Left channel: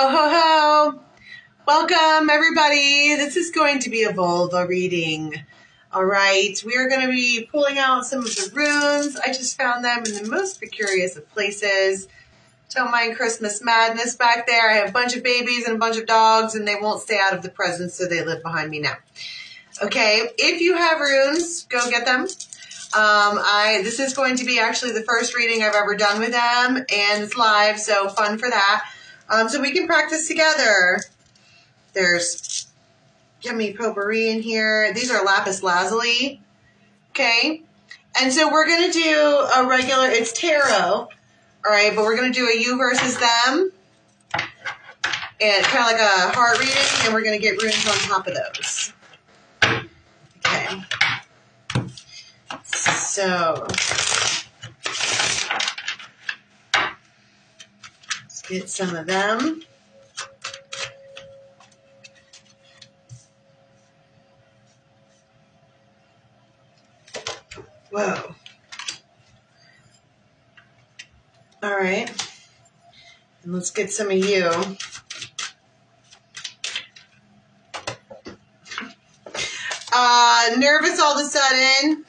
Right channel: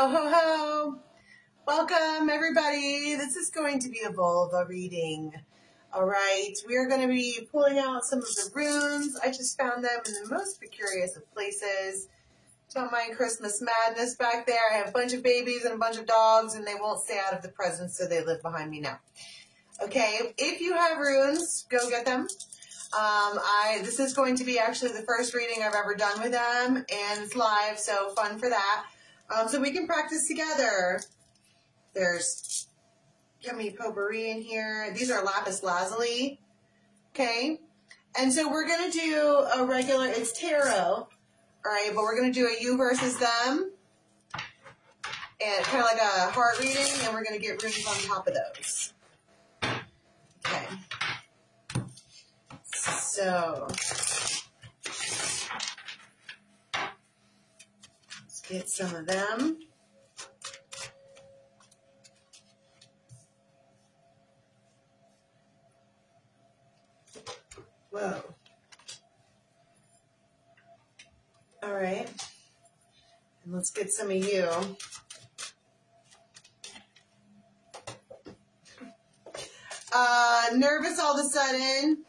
Ho, ho, ho. Welcome, everybody. This is going to be a Völva reading. All right. We are going to be pulling out some of the runes. I just found them in the most precarious of places. Don't mind Christmas madness back there. I have a bunch of babies and a bunch of dogs, and they won't stay out of the presents, so they live behind me now. Okay. If you have runes, go get them. This is going to be actually the first reading I've ever done with them, and it's live, so fun for that. So we can practice together. There's yummy potpourri in here. These are lapis lazuli. Okay. And so we're going to do a regular, it's tarot. All right. But we're going to do a you versus them. And kind of like a heart reading. And we're going to get runes on top of those. Okay. So let's get some of them. Whoa. All right. And let's get some of you. Nervous all of a sudden.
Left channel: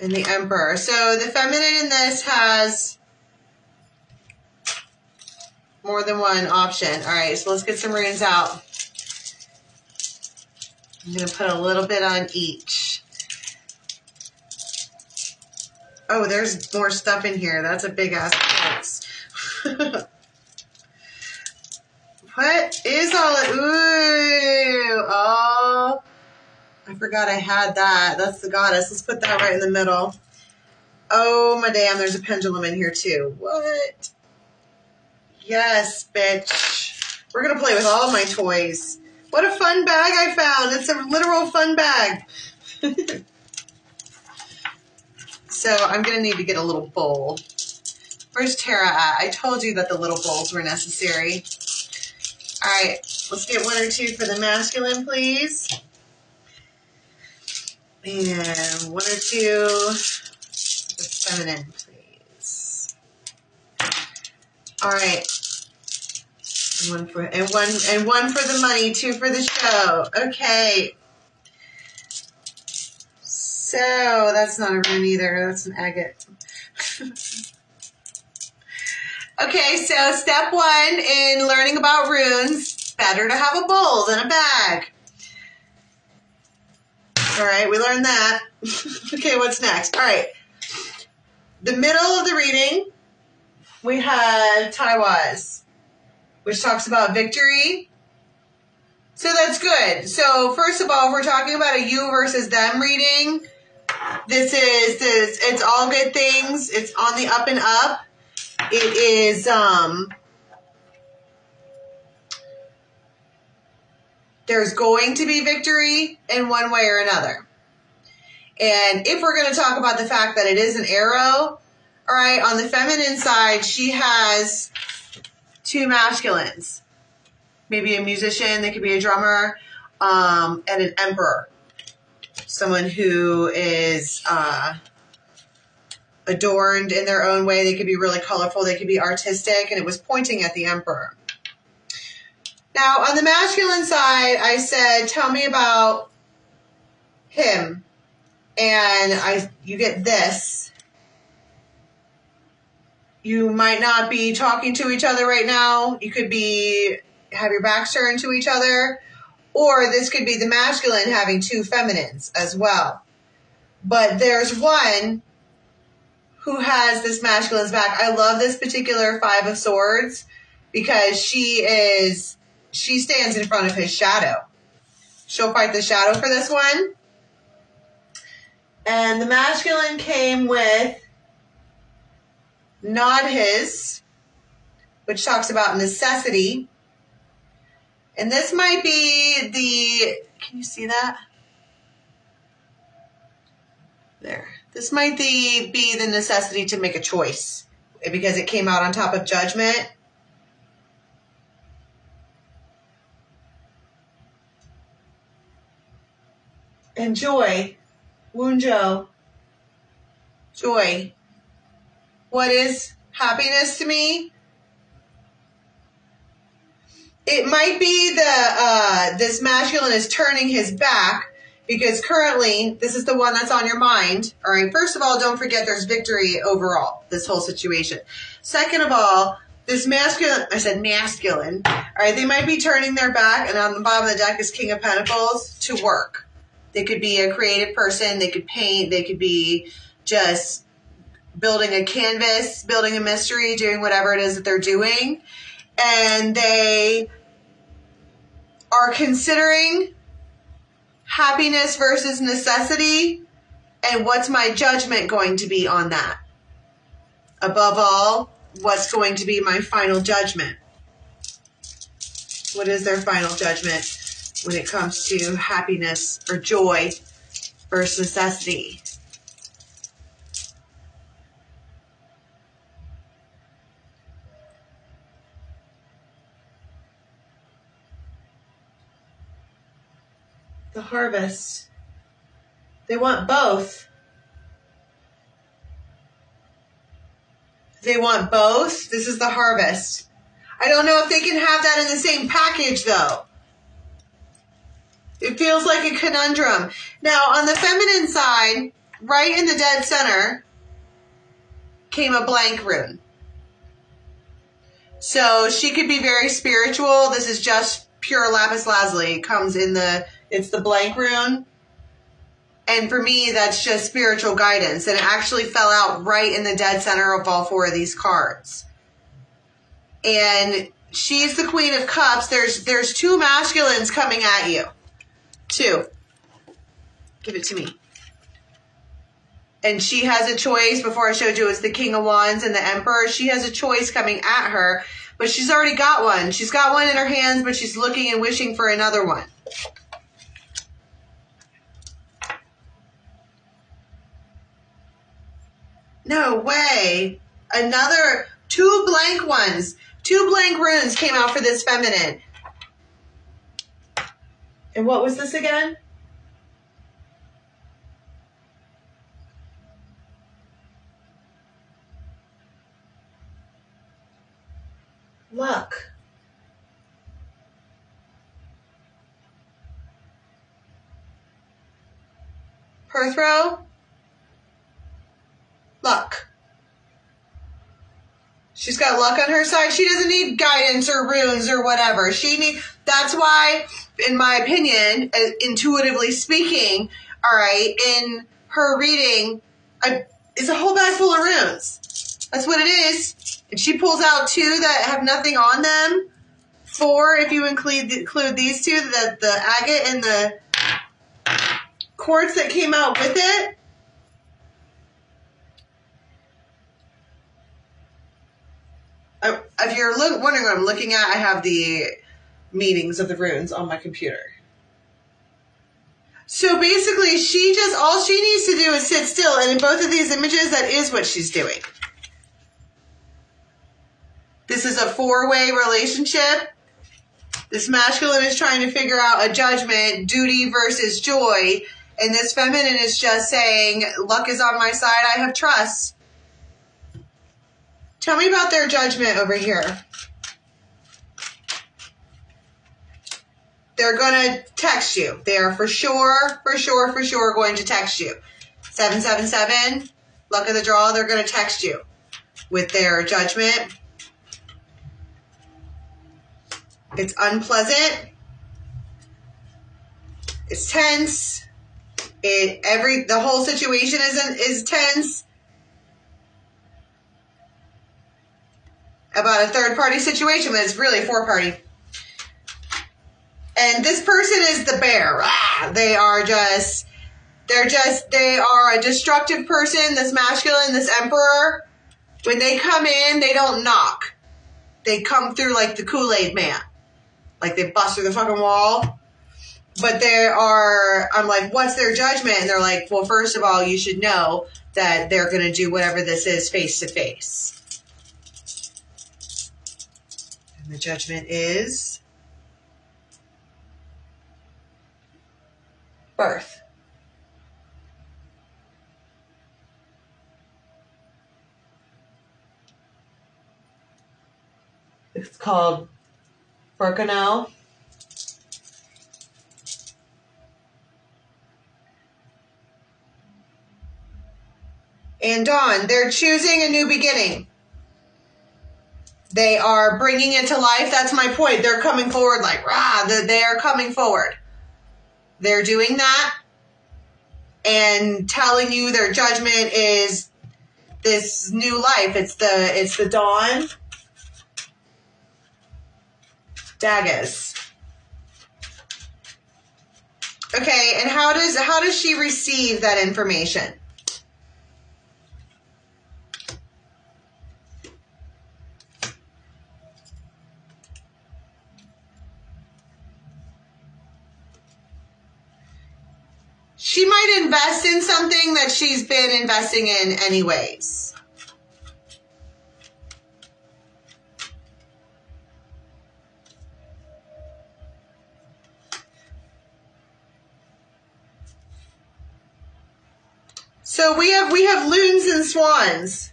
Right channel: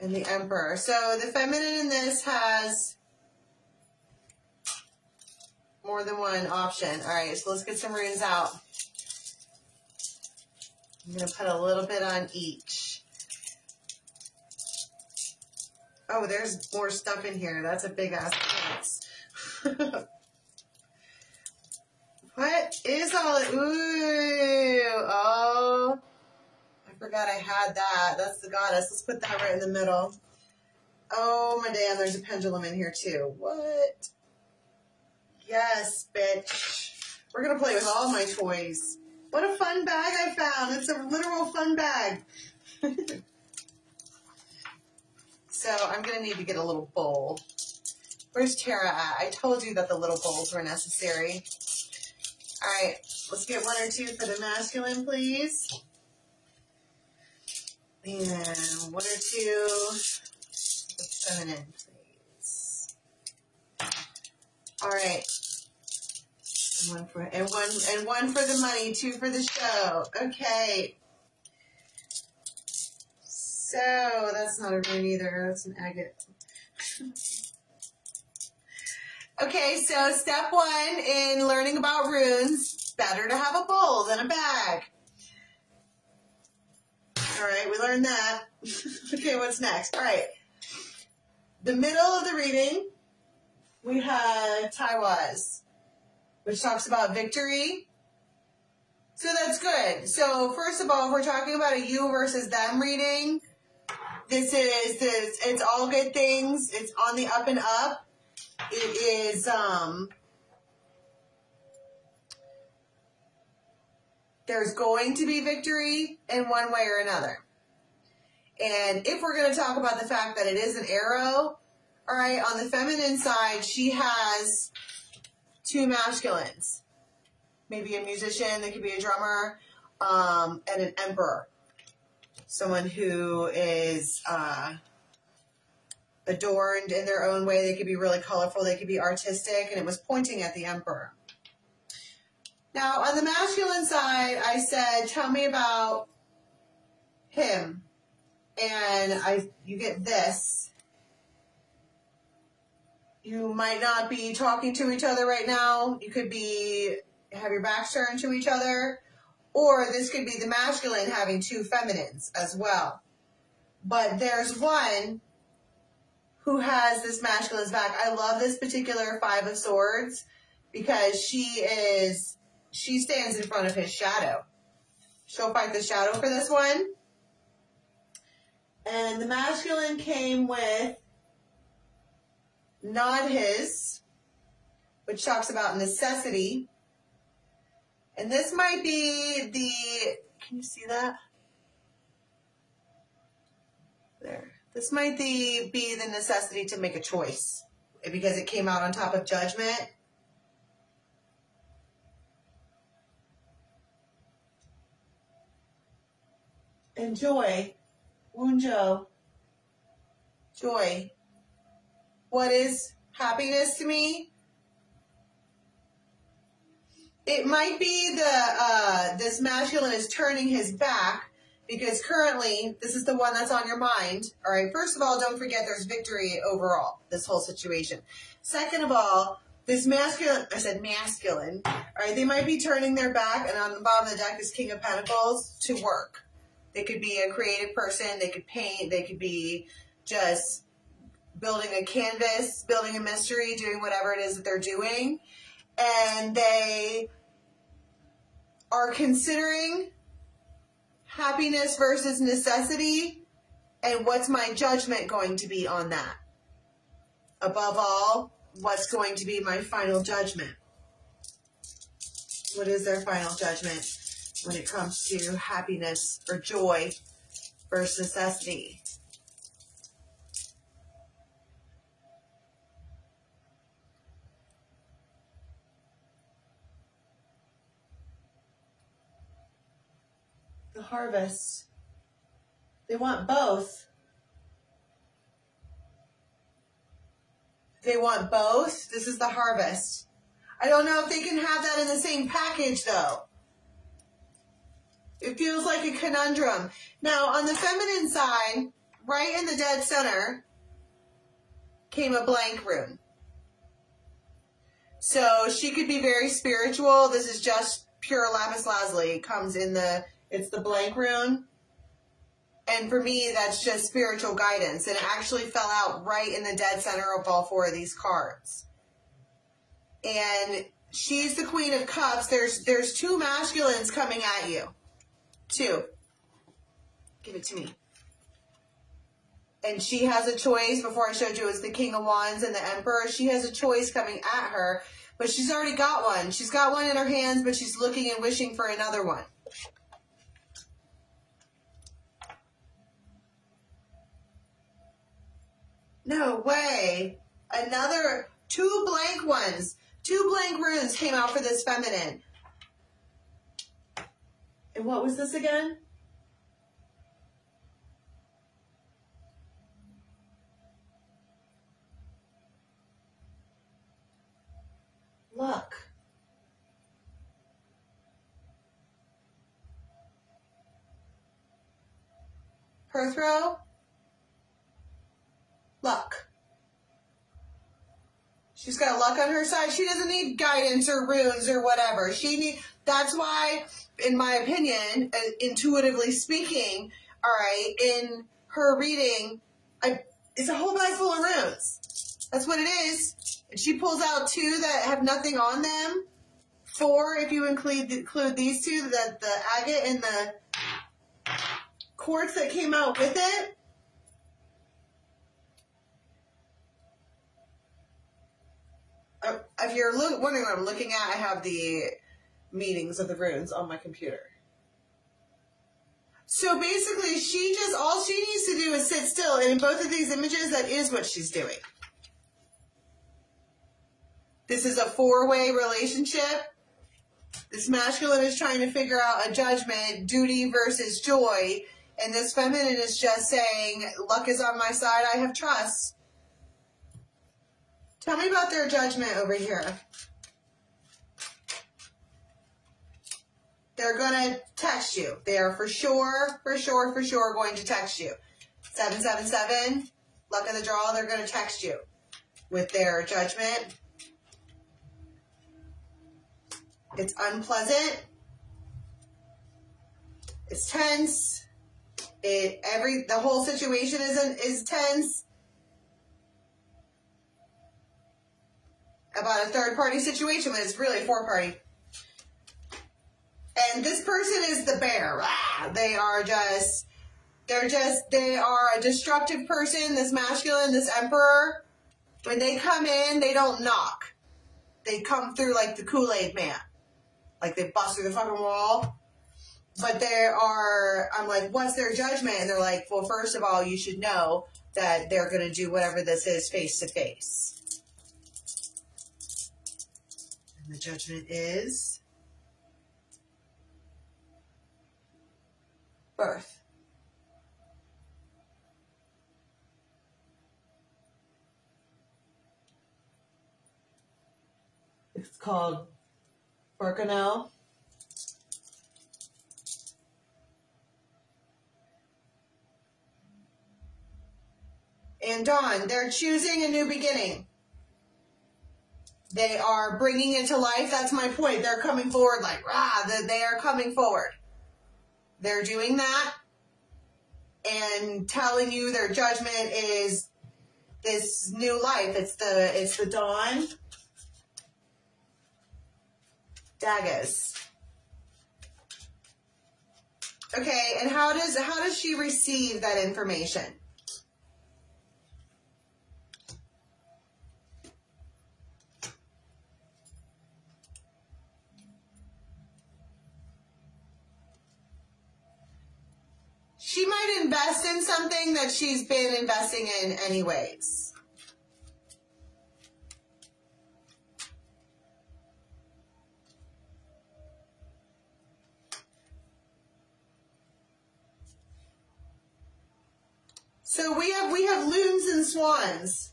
And the Emperor. So the feminine in this has more than one option. All right, so let's get some runes out. I'm going to put a little bit on each. Oh, there's more stuff in here. That's a big ass box. What is all it? Ooh. Oh. I forgot I had that. That's the goddess. Let's put that right in the middle. Oh, my damn. There's a pendulum in here, too. What? Yes, bitch. We're going to play with all my toys. What a fun bag I found. It's a literal fun bag. So I'm going to need to get a little bowl. Where's Tara at? I told you that the little bowls were necessary. All right. Let's get one or two for the masculine, please. And one or two for the feminine, please. All right. One for the money, two for the show. Okay. So that's not a rune either. That's an agate. Okay, so step one in learning about runes, better to have a bowl than a bag. All right, we learned that. Okay, what's next? All right. The middle of the reading, we had Taiwas, which talks about victory. So that's good. So first of all, if we're talking about a you versus them reading, it's all good things. It's on the up and up. It is, there's going to be victory in one way or another. And if we're going to talk about the fact that it is an arrow, all right, on the feminine side, she has two masculines. Maybe a musician, they could be a drummer, and an emperor. Someone who is adorned in their own way. They could be really colorful. They could be artistic, and it was pointing at the emperor. Now, on the masculine side, I said, tell me about him. And you get this. You might not be talking to each other right now. You could have your backs turned to each other. Or this could be the masculine having two feminines as well. But there's one who has this masculine's back. I love this particular Five of Swords because she stands in front of his shadow. She'll fight the shadow for this one. And the masculine came with not his, which talks about necessity. And this might be can you see that? There. This might be the necessity to make a choice because it came out on top of judgment. And joy. Wunjo. Joy. What is happiness to me? It might be the this masculine is turning his back because currently this is the one that's on your mind. All right. First of all, don't forget there's victory overall, this whole situation. Second of all, this masculine, I said masculine. All right. They might be turning their back, and on the bottom of the deck is King of Pentacles, to work. They could be a creative person. They could paint. They could be just building a canvas, building a mystery, doing whatever it is that they're doing. And they are considering happiness versus necessity, and what's my judgment going to be on that? Above all, what's going to be my final judgment? What is their final judgment when it comes to happiness or joy versus necessity? The harvest. They want both. They want both. This is the harvest. I don't know if they can have that in the same package, though. It feels like a conundrum. Now, on the feminine side, right in the dead center, came a blank rune. So she could be very spiritual. This is just pure lapis lazuli. It comes in it's the blank rune. And for me, that's just spiritual guidance. And it actually fell out right in the dead center of all four of these cards. And she's the Queen of Cups. There's two masculines coming at you. Two. Give it to me. And she has a choice. Before I showed you, it's the King of Wands and the Emperor. She has a choice coming at her. But she's already got one. She's got one in her hands, but she's looking and wishing for another one. No way. Another, two blank ones. Two blank runes came out for this feminine. And what was this again? Luck. Perth row. Luck. She's got luck on her side. She doesn't need guidance or runes or whatever. That's why, in my opinion, intuitively speaking, all right, in her reading, it's a whole bag full of runes. That's what it is. And she pulls out two that have nothing on them. Four, if you include these two, the agate and the quartz that came out with it. If you're wondering what I'm looking at, I have the meanings of the runes on my computer. So basically, all she needs to do is sit still. And in both of these images, that is what she's doing. This is a four-way relationship. This masculine is trying to figure out a judgment, duty versus joy. And this feminine is just saying, luck is on my side, I have trust. Tell me about their judgment over here. They're going to text you. They are for sure going to text you. 777, luck of the draw, they're going to text you with their judgment. It's unpleasant. It's tense. The whole situation is tense. About a third-party situation, but it's really a four-party. And this person is the bear. They are a destructive person, this masculine, this emperor. When they come in, they don't knock. They come through like the Kool-Aid man. Like they bust through the fucking wall. But I'm like, what's their judgment? And they're like, well, first of all, you should know that they're going to do whatever this is face to face. And the judgment is birth. It's called Virgo. And Dawn, they're choosing a new beginning. They are bringing it to life. That's my point. They're coming forward like, rah, they are coming forward. They're doing that and telling you their judgment is this new life. It's the dawn. Daggers. Okay, and how does she receive that information? She might invest in something that she's been investing in anyways. So we have loons and swans.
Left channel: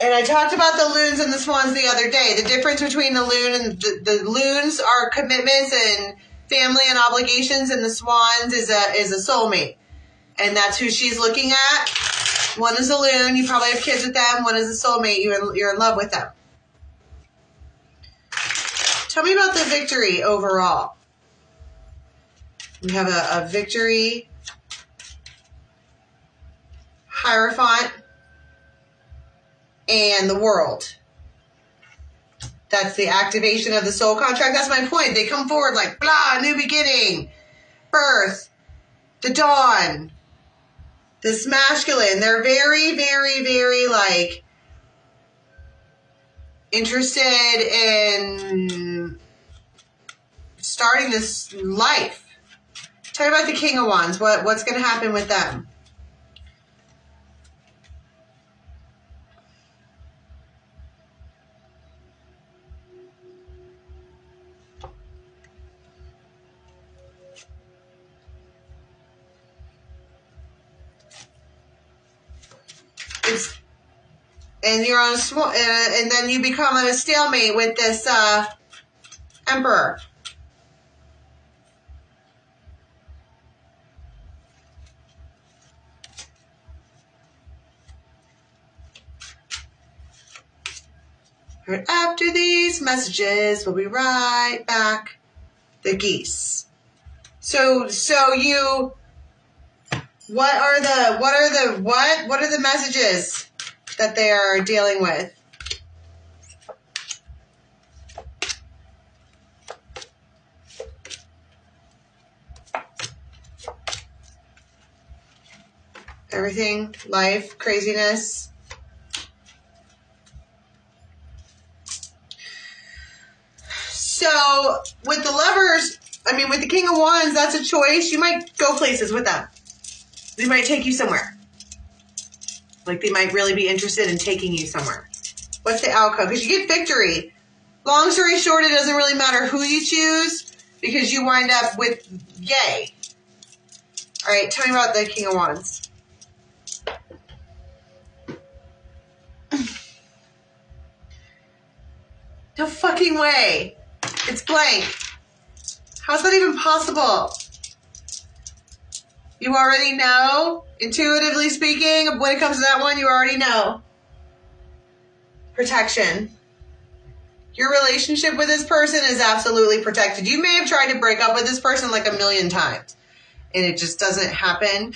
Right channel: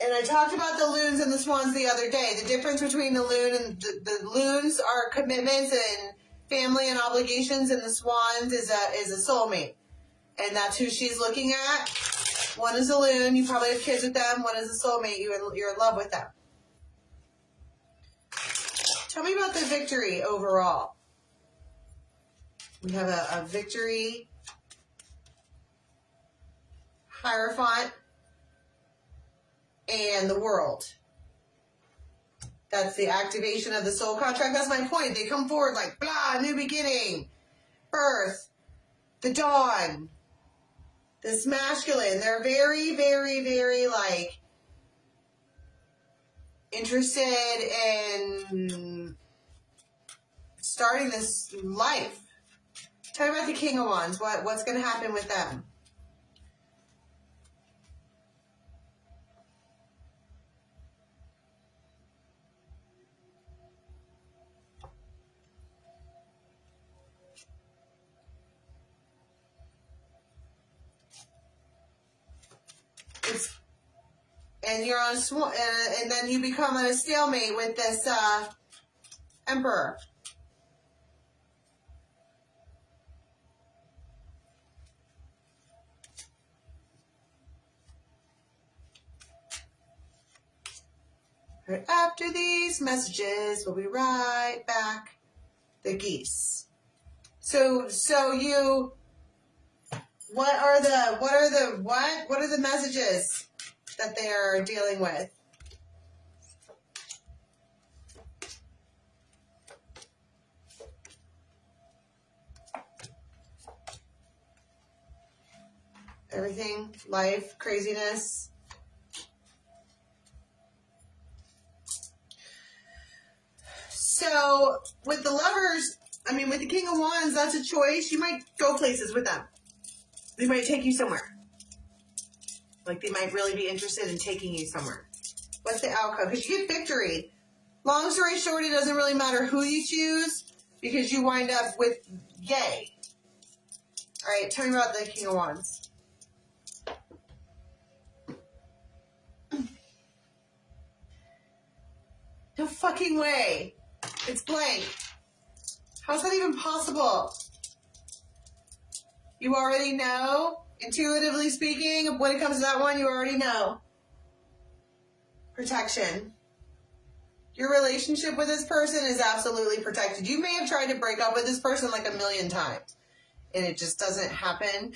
And I talked about the loons and the swans the other day. The difference between the loon and the loons are commitments and family and obligations, and the swans is a soulmate. And that's who she's looking at. One is a loon, you probably have kids with them. One is a soulmate, you're in love with them. Tell me about the victory overall. We have a victory, Hierophant, and the world. That's the activation of the soul contract. That's my point. They come forward like, blah, new beginning, birth, the dawn, this masculine. They're very, very, very, like, interested in starting this life. Tell me about the King of Wands. What's going to happen with them? And you're on and then you become on a stalemate with this Emperor. After these messages, we'll be right back. The geese. So you. What are the messages that they are dealing with? Everything, life, craziness. So with the Lovers, with the King of Wands, that's a choice. You might go places with them. They might take you somewhere. Like they might really be interested in taking you somewhere. What's the outcome? Because you get victory. Long story short, it doesn't really matter who you choose because you wind up with yay. All right, tell me about the King of Wands. No fucking way. It's blank. How's that even possible? You already know, intuitively speaking, when it comes to that one, you already know. Protection. Your relationship with this person is absolutely protected. You may have tried to break up with this person like 1,000,000 times, and it just doesn't happen.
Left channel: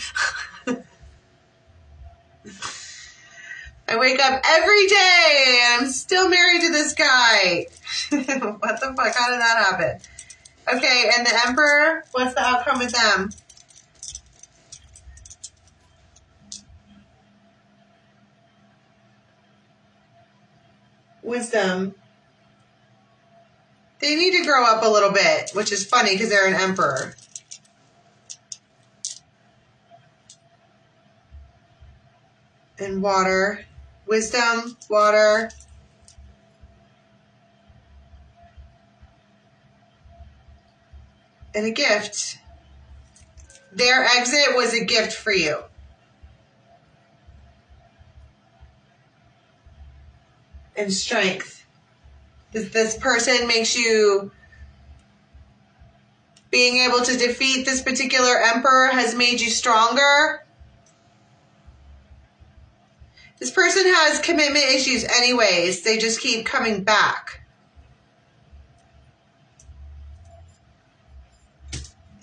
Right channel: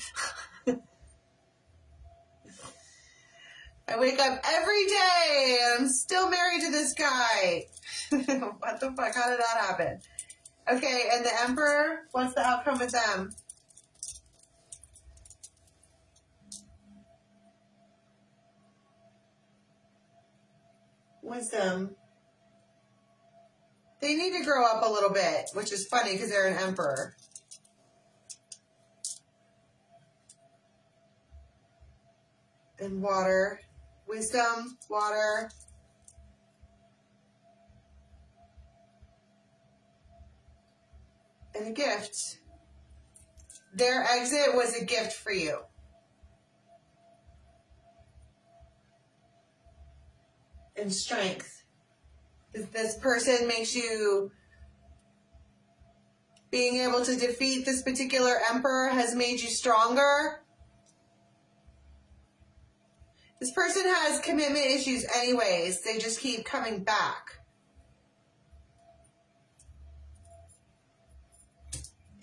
I wake up every day, and I'm still married to this guy. What the fuck? How did that happen? Okay, and the Emperor, what's the outcome with them? Wisdom. They need to grow up a little bit, which is funny because they're an Emperor. And water. Wisdom, water. And a gift. Their exit was a gift for you. and strength. This person makes you, being able to defeat this particular emperor has made you stronger. This person has commitment issues anyways. They just keep coming back.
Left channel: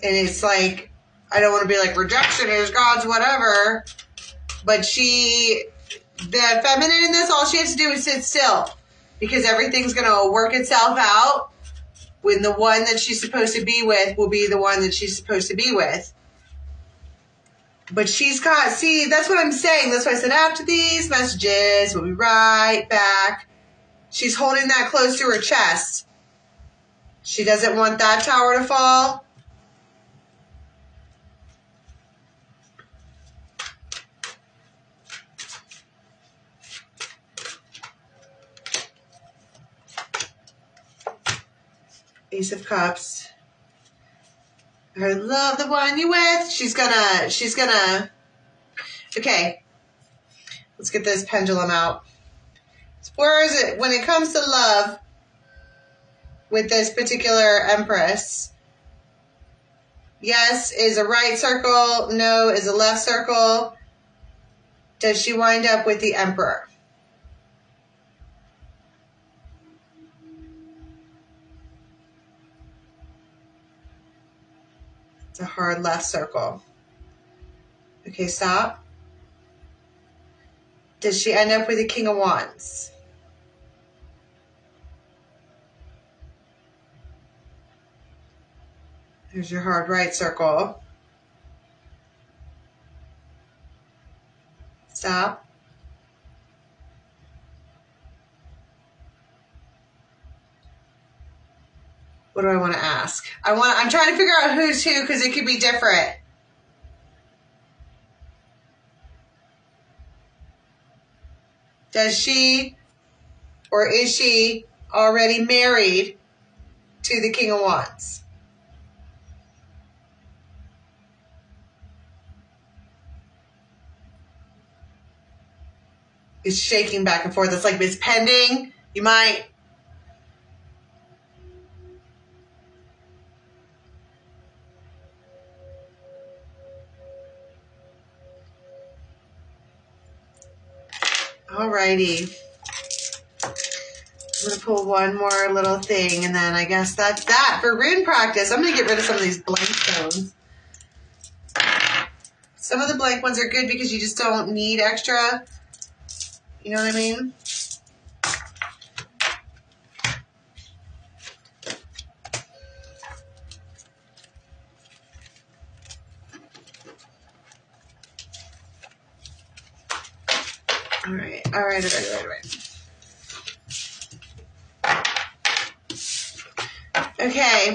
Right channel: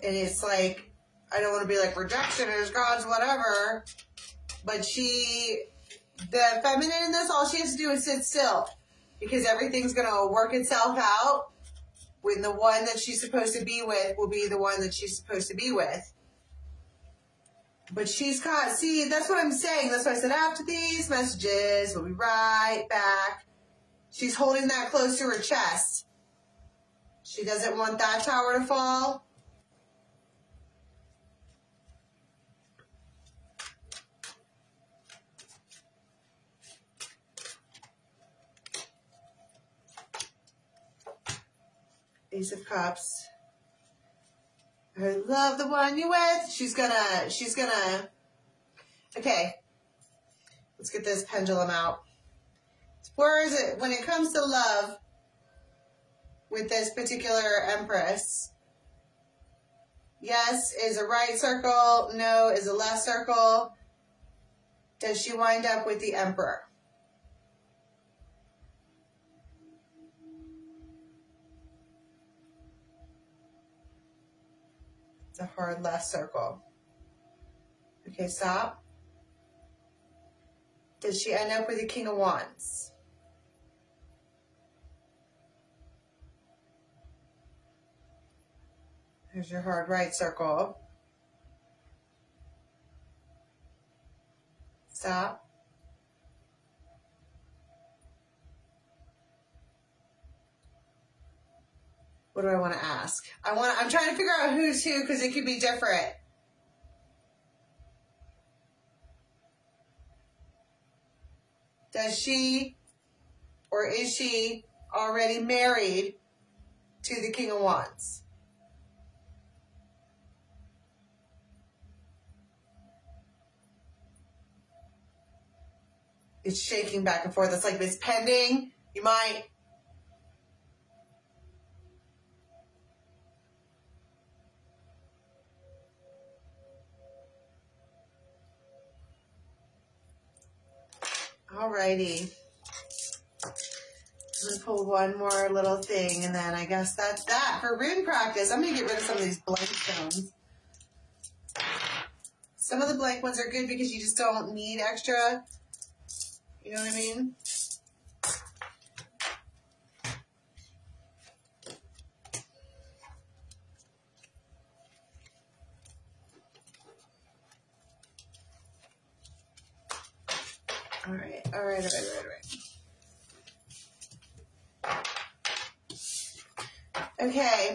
And it's like, I don't want to be like, rejection is God's whatever. But the feminine in this, all she has to do is sit still. Because everything's going to work itself out. When the one that she's supposed to be with will be the one that she's supposed to be with. But she's got, see, that's what I'm saying. That's why I said after these messages, we'll be right back. She's holding that close to her chest. She doesn't want that tower to fall. Ace of Cups. I love the one you with. She's gonna, okay. Let's get this pendulum out. So where is it? When it comes to love with this particular Empress, yes is a right circle, no is a left circle. Does she wind up with the Emperor? A hard left circle. Okay, stop. Does she end up with the King of Wands? There's your hard right circle. Stop. What do I want to ask? I'm trying to figure out who's who because it could be different. Does she or is she already married to the King of Wands? It's shaking back and forth. It's like it's pending. You might. Alrighty. I'm going to pull one more little thing, and then I guess that's that for rune practice. I'm going to get rid of some of these blank stones. Some of the blank ones are good because you just don't need extra. You know what I mean? All right. Okay.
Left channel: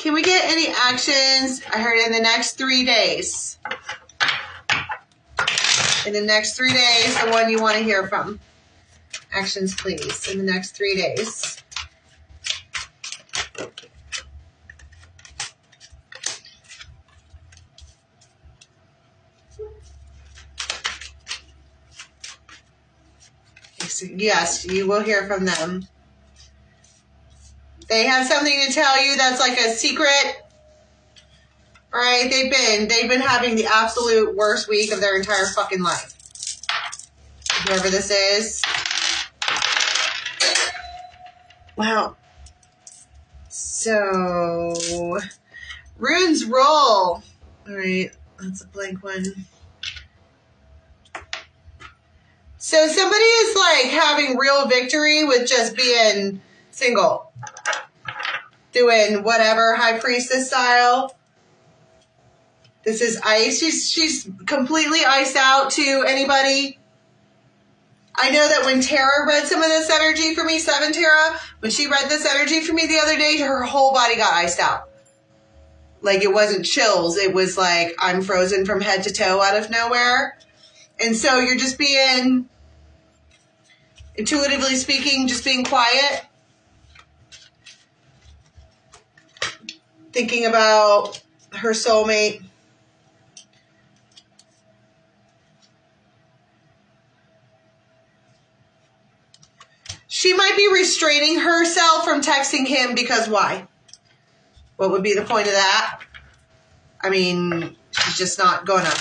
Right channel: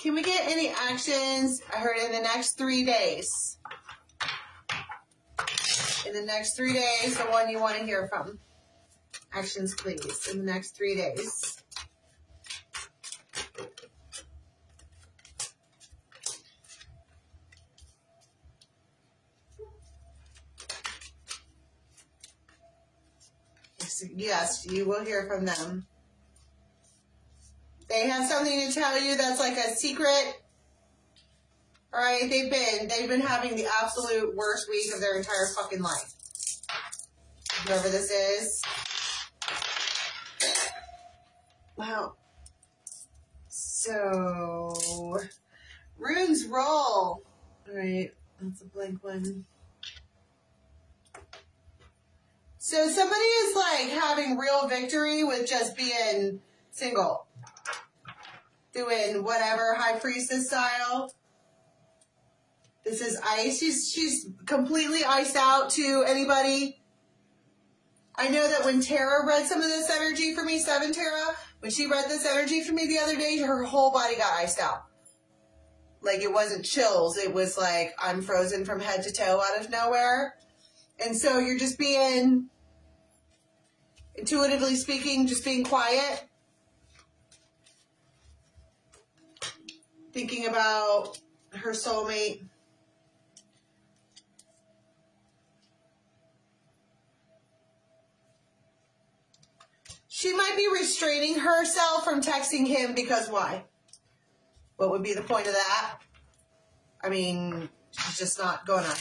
Can we get any actions? I heard in the next 3 days. In the next 3 days, the one you want to hear from. Actions, please, in the next 3 days. Yes, you will hear from them. They have something to tell you that's like a secret. All right, they've been having the absolute worst week of their entire fucking life. Whoever this is. Wow. So, runes roll. All right, that's a blank one. So somebody is like having real victory with just being single. Doing whatever, high priestess style. This is ice. She's completely iced out to anybody. I know that when Tara read some of this energy for me, 7 Tara, when she read this energy for me the other day, her whole body got iced out. Like it wasn't chills. It was like I'm frozen from head to toe out of nowhere. And so you're just being, intuitively speaking, just being quiet. Thinking about her soulmate. She might be restraining herself from texting him because why? What would be the point of that? I mean, she's just not gonna.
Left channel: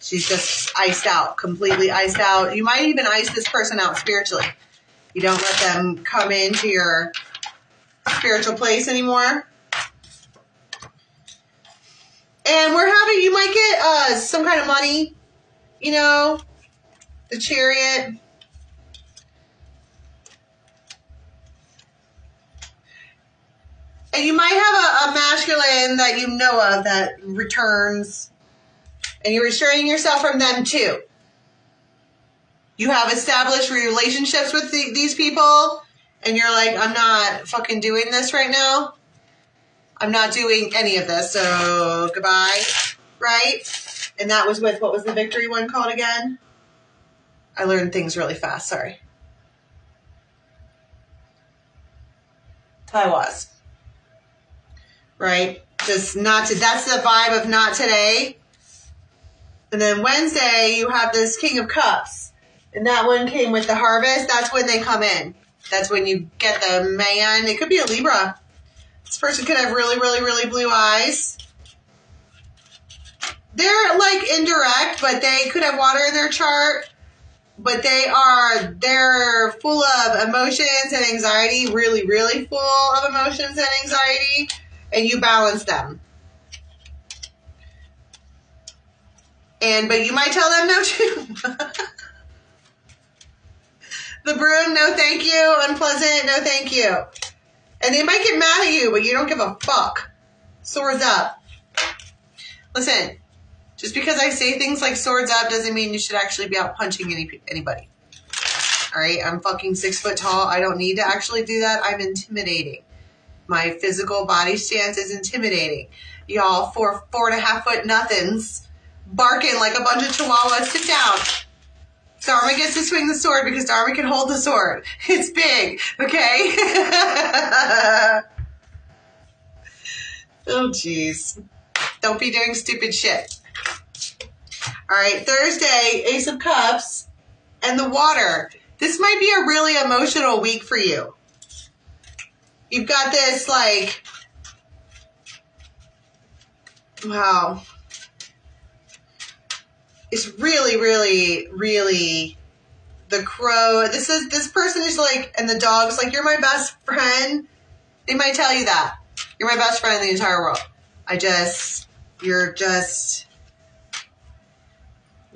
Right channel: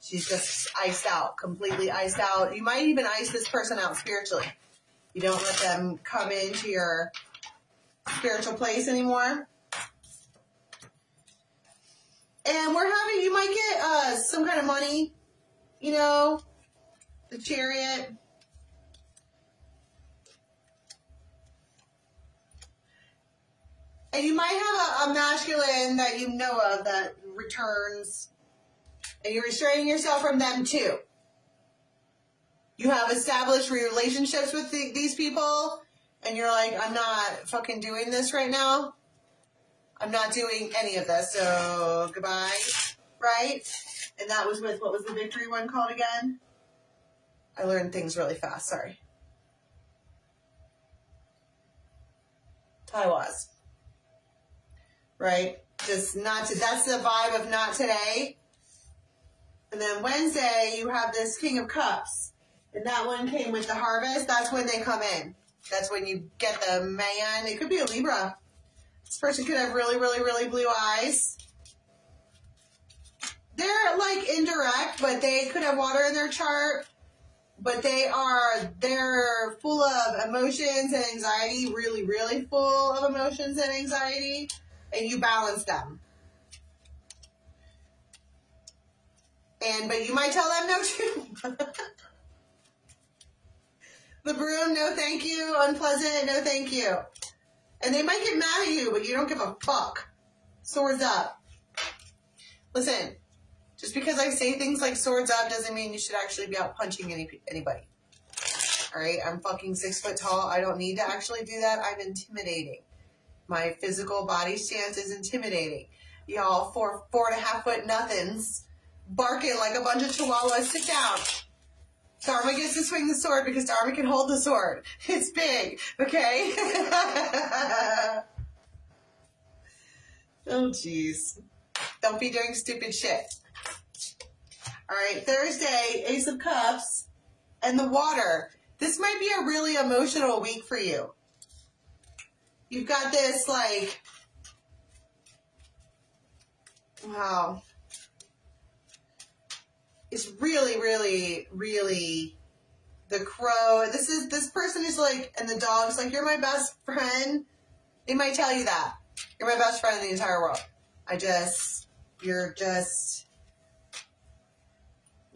She's just iced out, completely iced out. You might even ice this person out spiritually. You don't let them come into your spiritual place anymore. And we're having, you might get some kind of money, you know, the Chariot. And you might have a masculine that you know of that returns, and you're restraining yourself from them too. You have established relationships with these people, and you're like, I'm not fucking doing this right now. I'm not doing any of this, so goodbye, right? And that was with, what was the victory one called again? I learned things really fast, sorry. Taiwas. Right? Just not to, that's the vibe of not today. And then Wednesday, you have this King of Cups. And that one came with the harvest. That's when they come in. That's when you get the man. It could be a Libra. This person could have really, really, really blue eyes. They're like indirect, but they could have water in their chart. But they're full of emotions and anxiety. Really, really full of emotions and anxiety. And you balance them. But you might tell them no too. The Bruin, no thank you. Unpleasant, no thank you. And they might get mad at you, but you don't give a fuck. Swords up. Listen, just because I say things like swords up doesn't mean you should actually be out punching anybody. All right, I'm fucking 6 foot tall. I don't need to actually do that. I'm intimidating. My physical body stance is intimidating. Y'all, 4.5 foot nothings barking like a bunch of chihuahuas. Sit down. Dharma gets to swing the sword because Dharma can hold the sword. It's big, okay? Oh, jeez. Don't be doing stupid shit. All right, Thursday, Ace of Cups and the water. This might be a really emotional week for you. You've got this, like, wow. It's really, really, really the crow. This person is like, and the dog's like, you're my best friend. They might tell you that. You're my best friend in the entire world. You're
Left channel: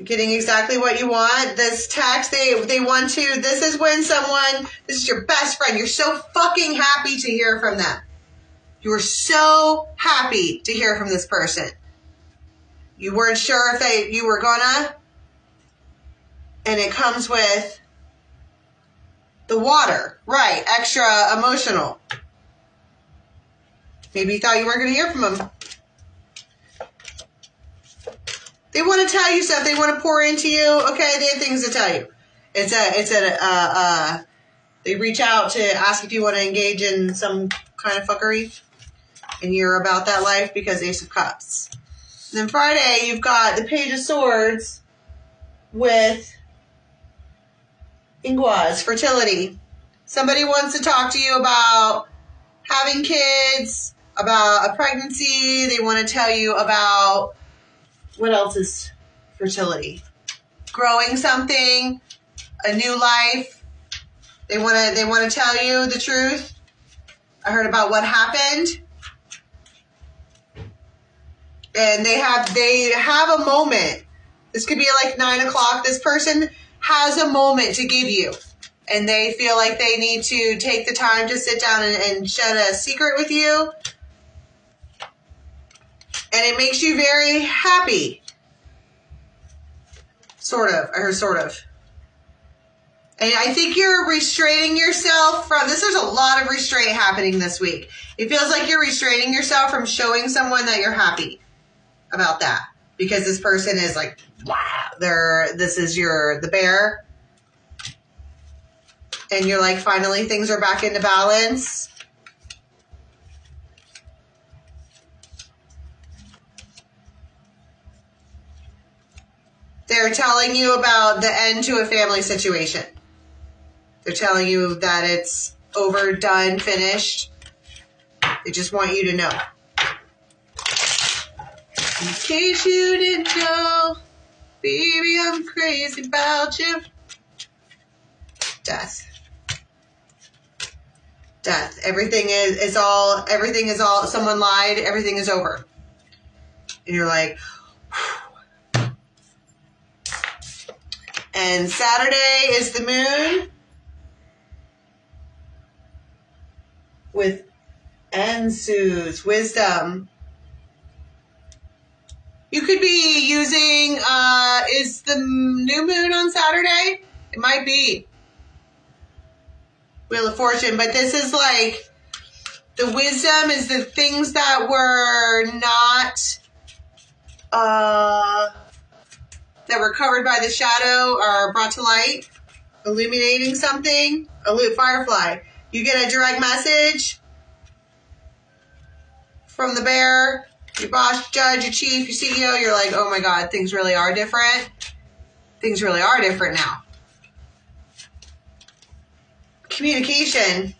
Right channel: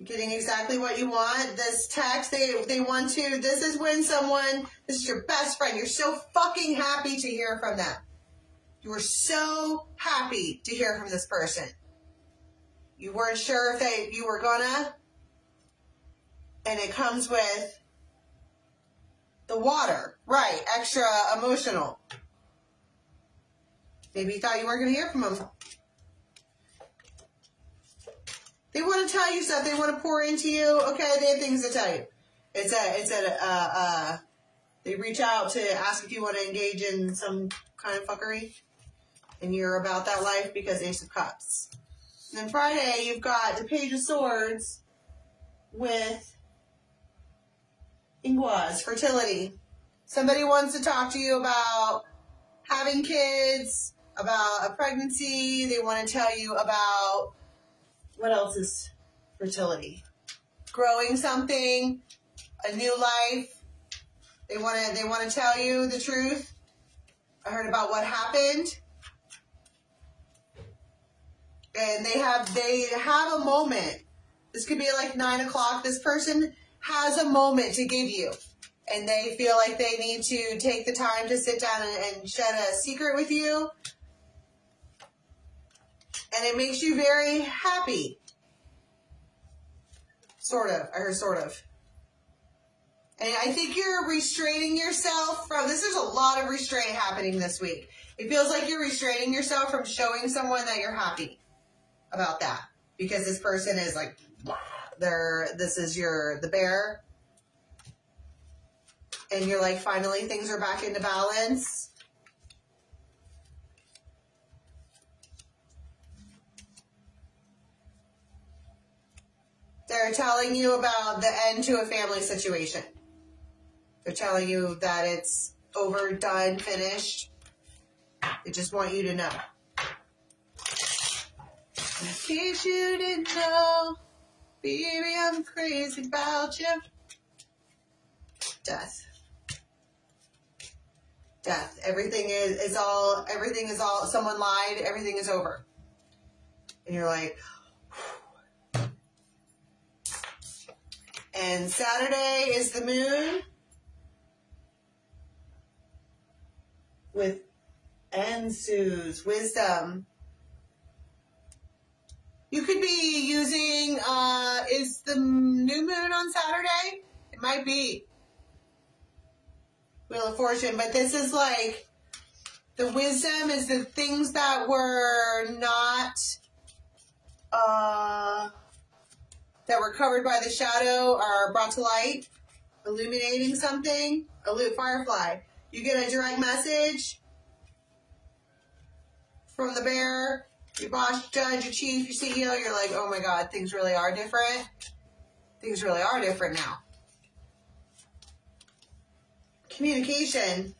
getting exactly what you want. This text, they want to, this is when this is your best friend. You're so fucking happy to hear from them. You were so happy to hear from this person. You weren't sure if you were gonna. And it comes with the water. Right, extra emotional. Maybe you thought you weren't going to hear from them. They want to tell you stuff. They want to pour into you. Okay, they have things to tell you. They reach out to ask if you want to engage in some kind of fuckery. And you're about that life because Ace of Cups. And then Friday, you've got the Page of Swords with Inguas, fertility. Somebody wants to talk to you about having kids, about a pregnancy. They want to tell you about, what else is fertility? Growing something, a new life. They want to tell you the truth. I heard about what happened. And they have a moment. This could be like 9 o'clock. This person has a moment to give you. And they feel like they need to take the time to sit down and shed a secret with you. And it makes you very happy. Sort of. I heard sort of. And I think you're restraining yourself from this. There's a lot of restraint happening this week. It feels like you're restraining yourself from showing someone that you're happy about that. Because this person is like, wow, this is the bear. And you're like, finally, things are back into balance. They're telling you about the end to a family situation. They're telling you that it's over, done, finished. They just want you to know. In case you didn't know, baby, I'm crazy about you. Death. Death. Everything is all, someone lied, everything is over. And you're like, whew. And Saturday is the moon with Ensu's wisdom. You could be using, is the new moon on Saturday? It might be. Wheel of Fortune, but this is like, the wisdom is the things that were not, that were covered by the shadow are brought to light, illuminating something. A firefly. You get a direct message from the bear, your boss, judge, your chief, your CEO. You're like, oh my God, things really are different. Things really are different now. Communication.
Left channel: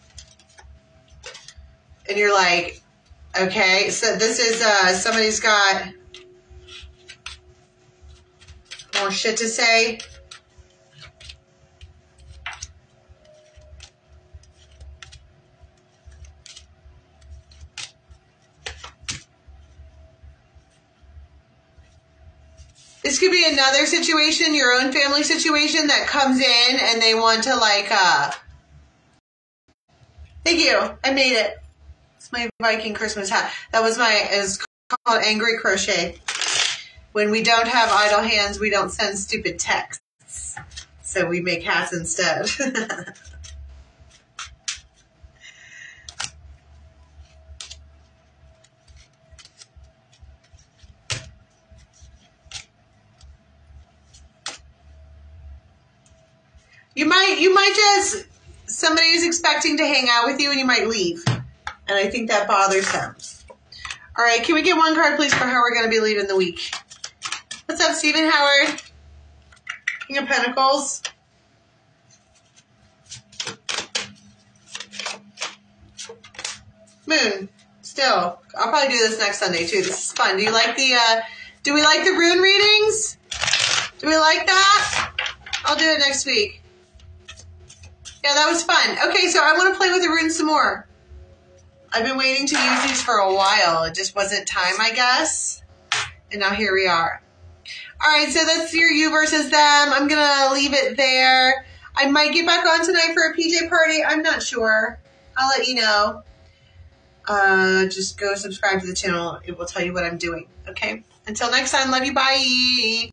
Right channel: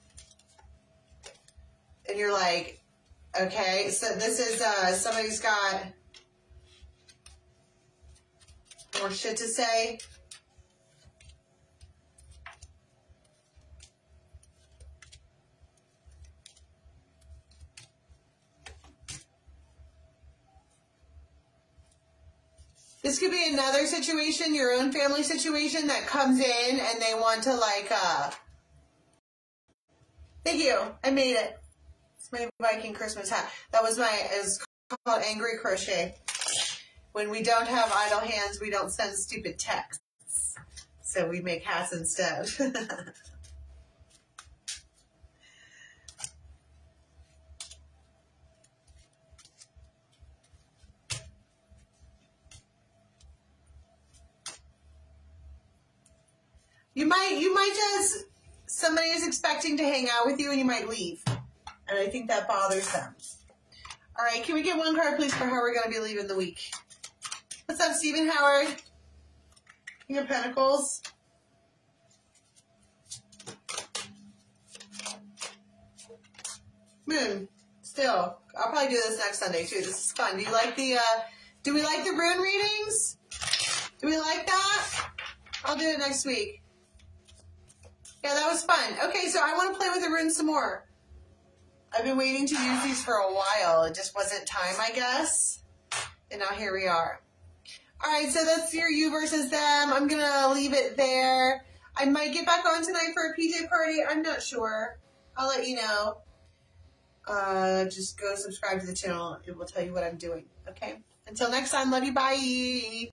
And you're like, okay, so this is, somebody's got more shit to say. This could be another situation, your own family situation that comes in and they want to like, thank you, I made it. It's my Viking Christmas hat. That was it's called Angry Crochet. When we don't have idle hands, we don't send stupid texts. So we make hats instead. You might just, somebody is expecting to hang out with you and you might leave. And I think that bothers them. All right, can we get one card, please, for how we're going to be leaving the week? What's up, Stephen Howard? King of Pentacles. Moon. Still. I'll probably do this next Sunday, too. This is fun. Do you like the, do we like the rune readings? Do we like that? I'll do it next week. Yeah, that was fun. Okay, so I want to play with the runes some more. I've been waiting to use these for a while. It just wasn't time, I guess. And now here we are. All right, so that's your you versus them. I'm going to leave it there. I might get back on tonight for a PJ party. I'm not sure. I'll let you know. Just go subscribe to the channel. It will tell you what I'm doing. Okay? Until next time, love you. Bye.